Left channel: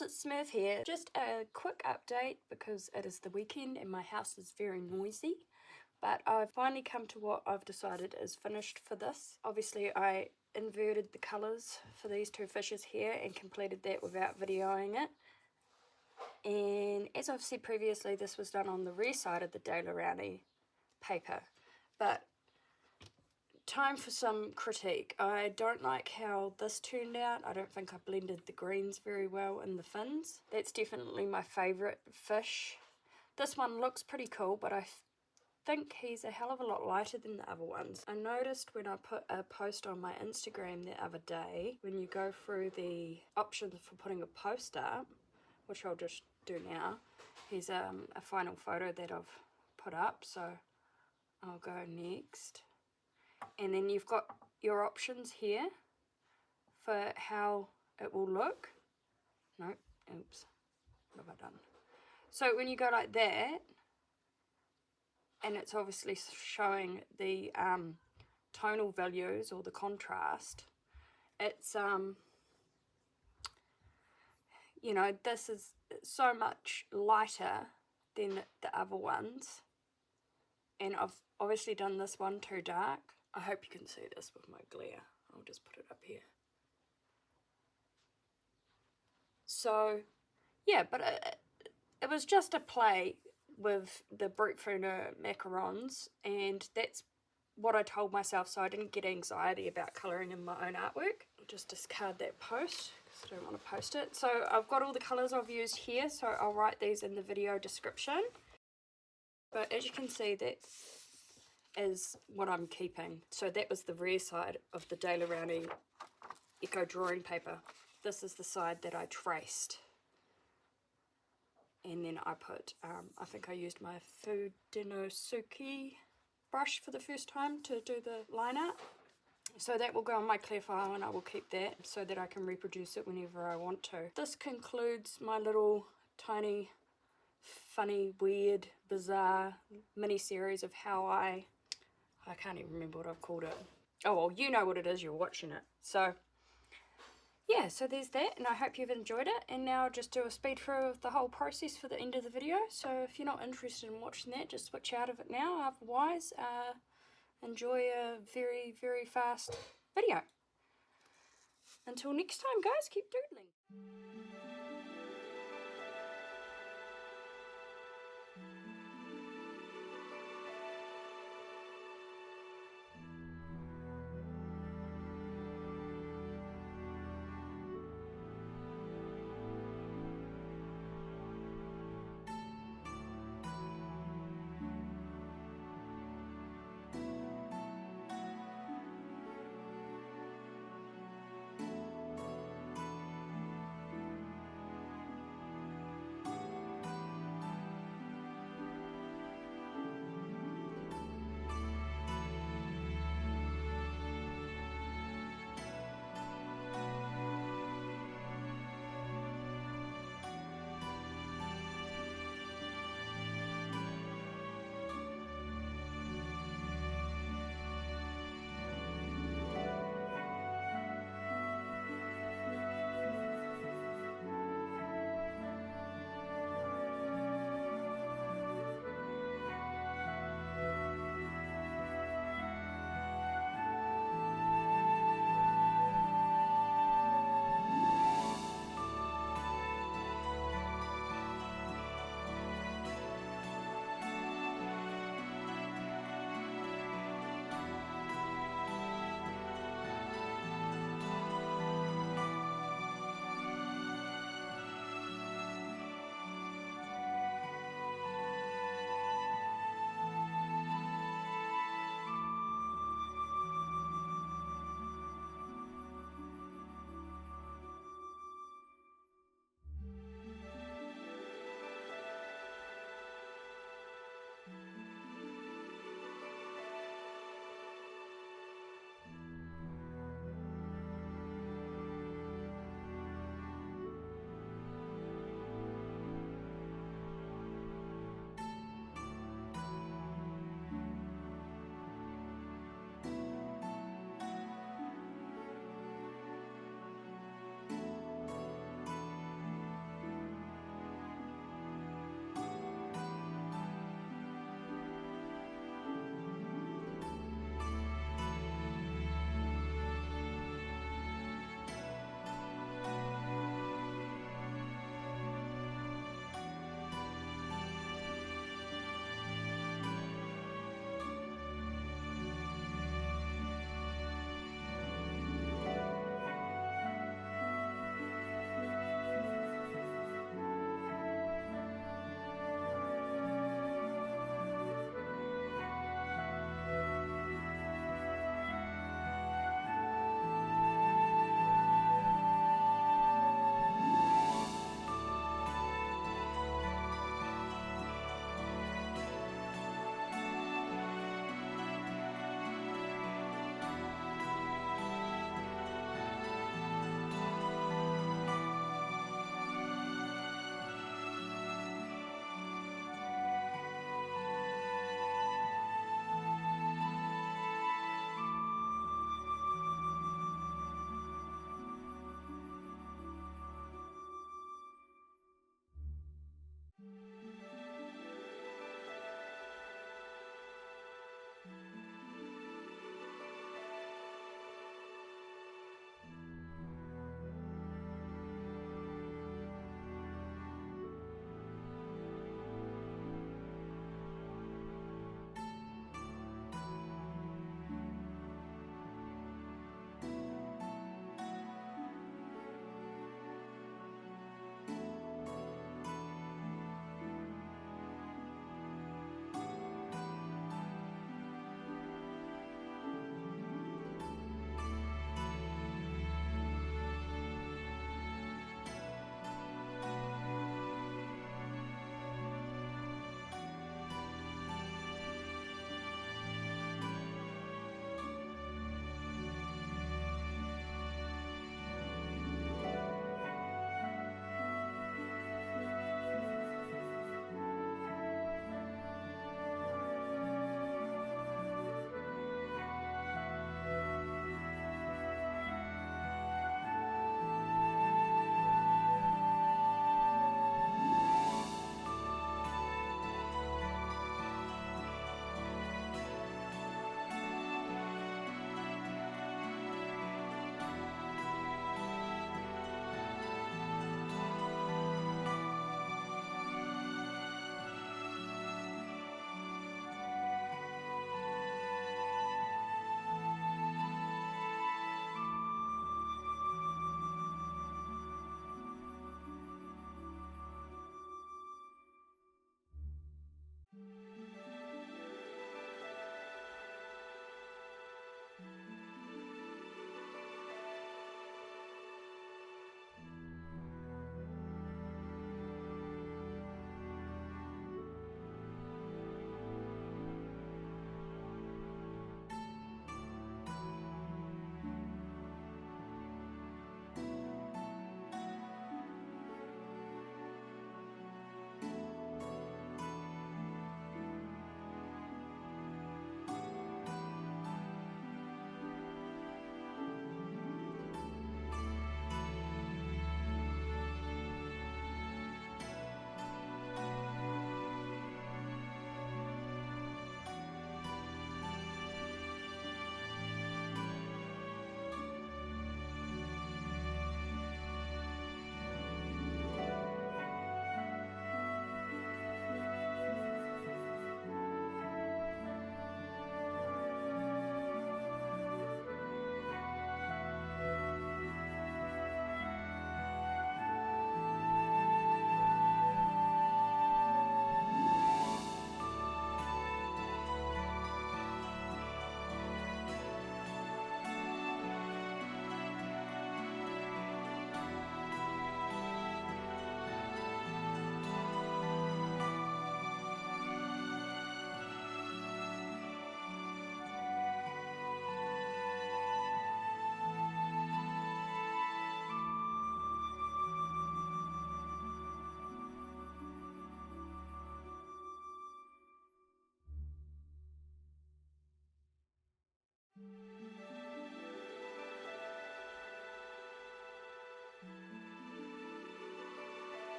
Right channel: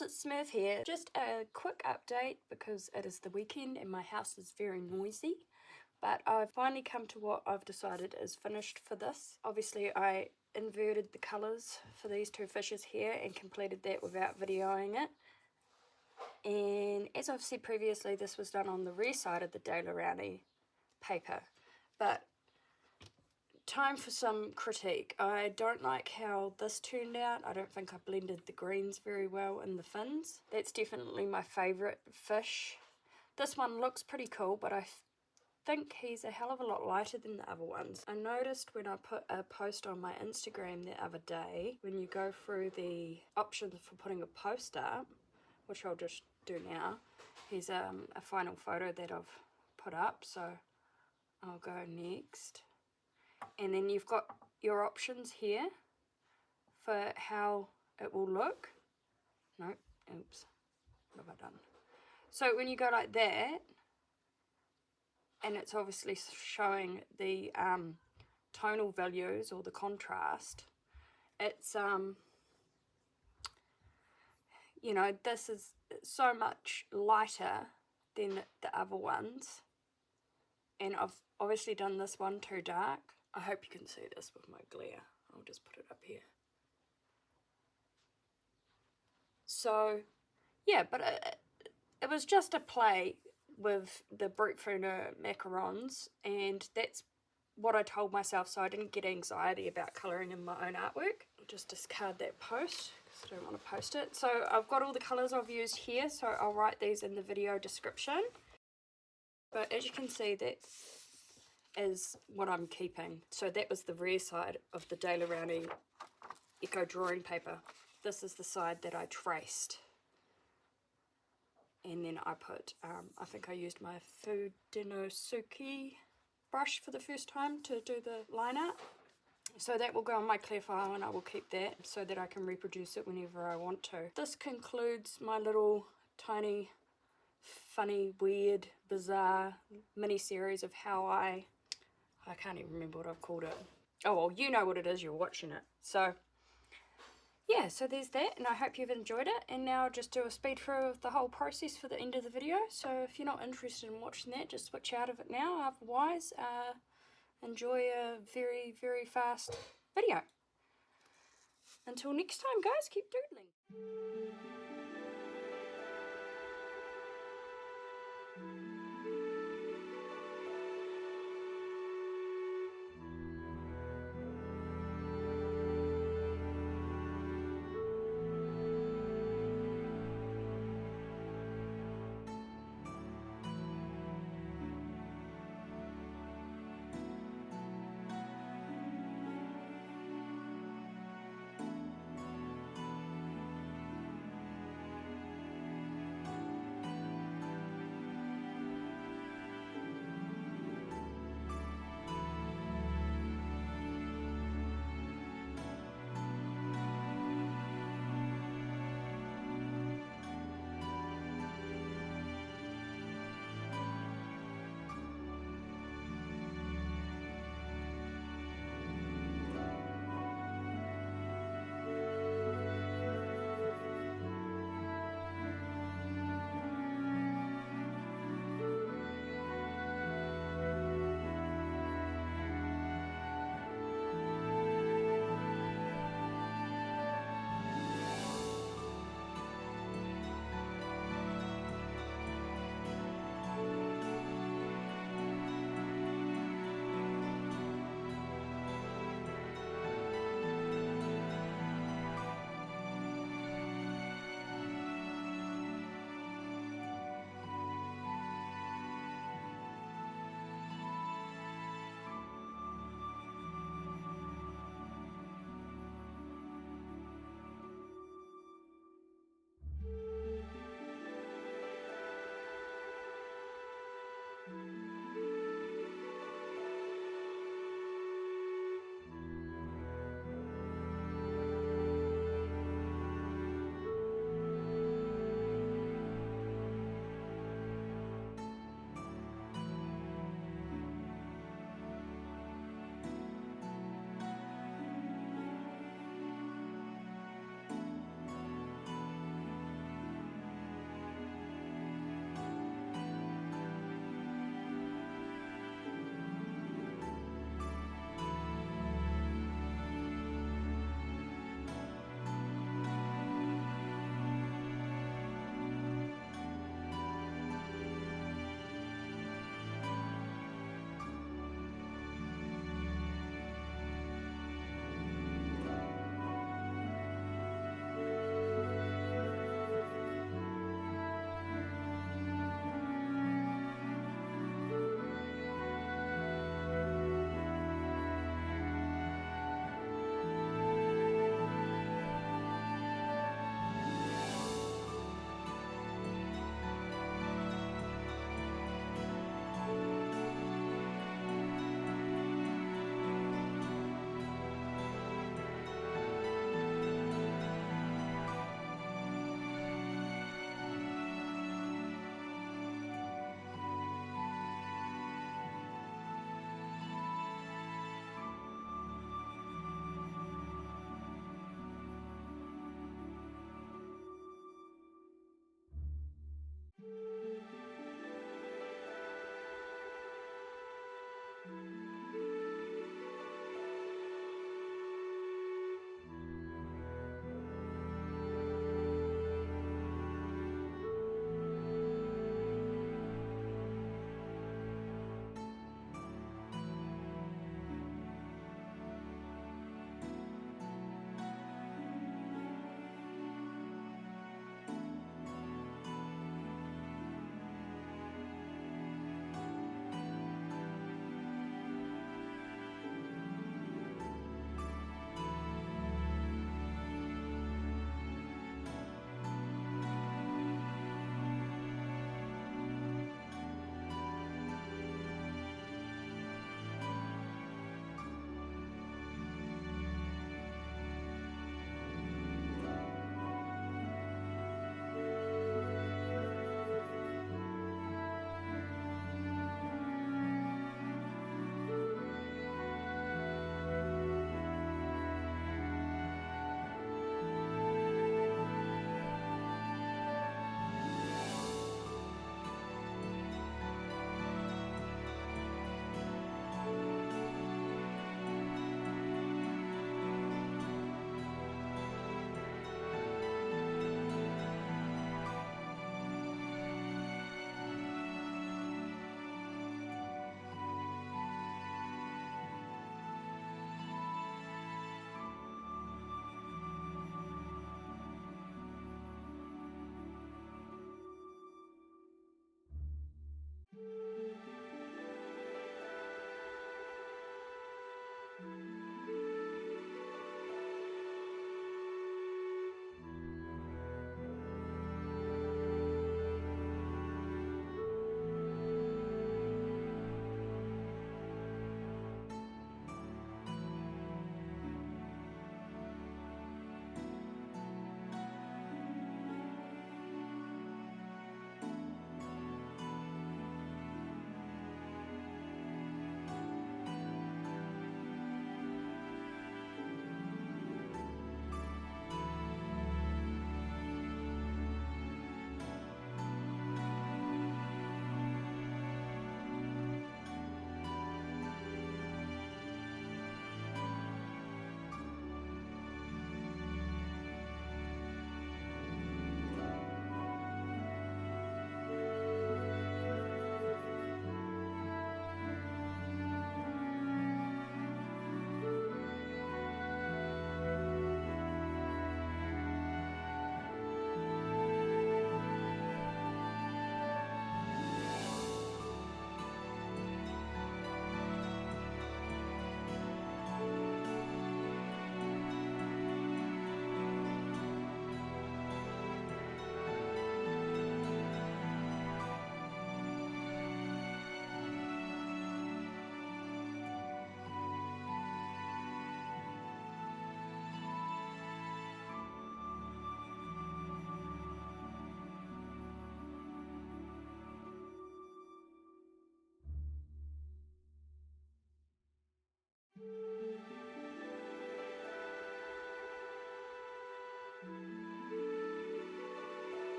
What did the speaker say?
Naples, it's Smurf here. Just a quick update because it is the weekend and my house is very noisy. But I've finally come to what I've decided is finished for this. Obviously I inverted the colours for these two fishes here and completed that without videoing it. And as I've said previously, this was done on the rear side of the Daler-Rowney paper. But time for some critique. I don't like how this turned out. I don't think I blended the greens very well in the fins. That's definitely my favourite fish. This one looks pretty cool, but I think he's a hell of a lot lighter than the other ones. I noticed when I put a post on my Instagram the other day, when you go through the options for putting a post up, which I'll just do now, here's a final photo that I've put up, so I'll go next. And then you've got your options here for how it will look. No, oops, what have I done? So when you go like that, and it's obviously showing the tonal values or the contrast, it's, you know, this is so much lighter than the other ones. And I've obviously done this one too dark. I hope you can see this with my glare. I'll just put it up here. So, yeah, but it was just a play with the Brutfuner macarons, and that's what I told myself, so I didn't get anxiety about colouring in my own artwork. I'll just discard that post because I don't want to post it. So I've got all the colours I've used here, so I'll write these in the video description. But as you can see, that is what I'm keeping. So that was the rear side of the Daler-Rowney Eco drawing paper. This is the side that I traced. And then I put, I think I used my Fudenosuke brush for the first time to do the line art. So that will go on my clear file and I will keep that so that I can reproduce it whenever I want to. This concludes my little tiny, funny, weird, bizarre mini-series of how I can't even remember what I've called it. Oh, well, you know what it is, you're watching it. So, yeah, so there's that, and I hope you've enjoyed it. And now I'll just do a speed through of the whole process for the end of the video. So if you're not interested in watching that, just switch out of it now. Otherwise, enjoy a very, very fast video. Until next time, guys, keep doodling.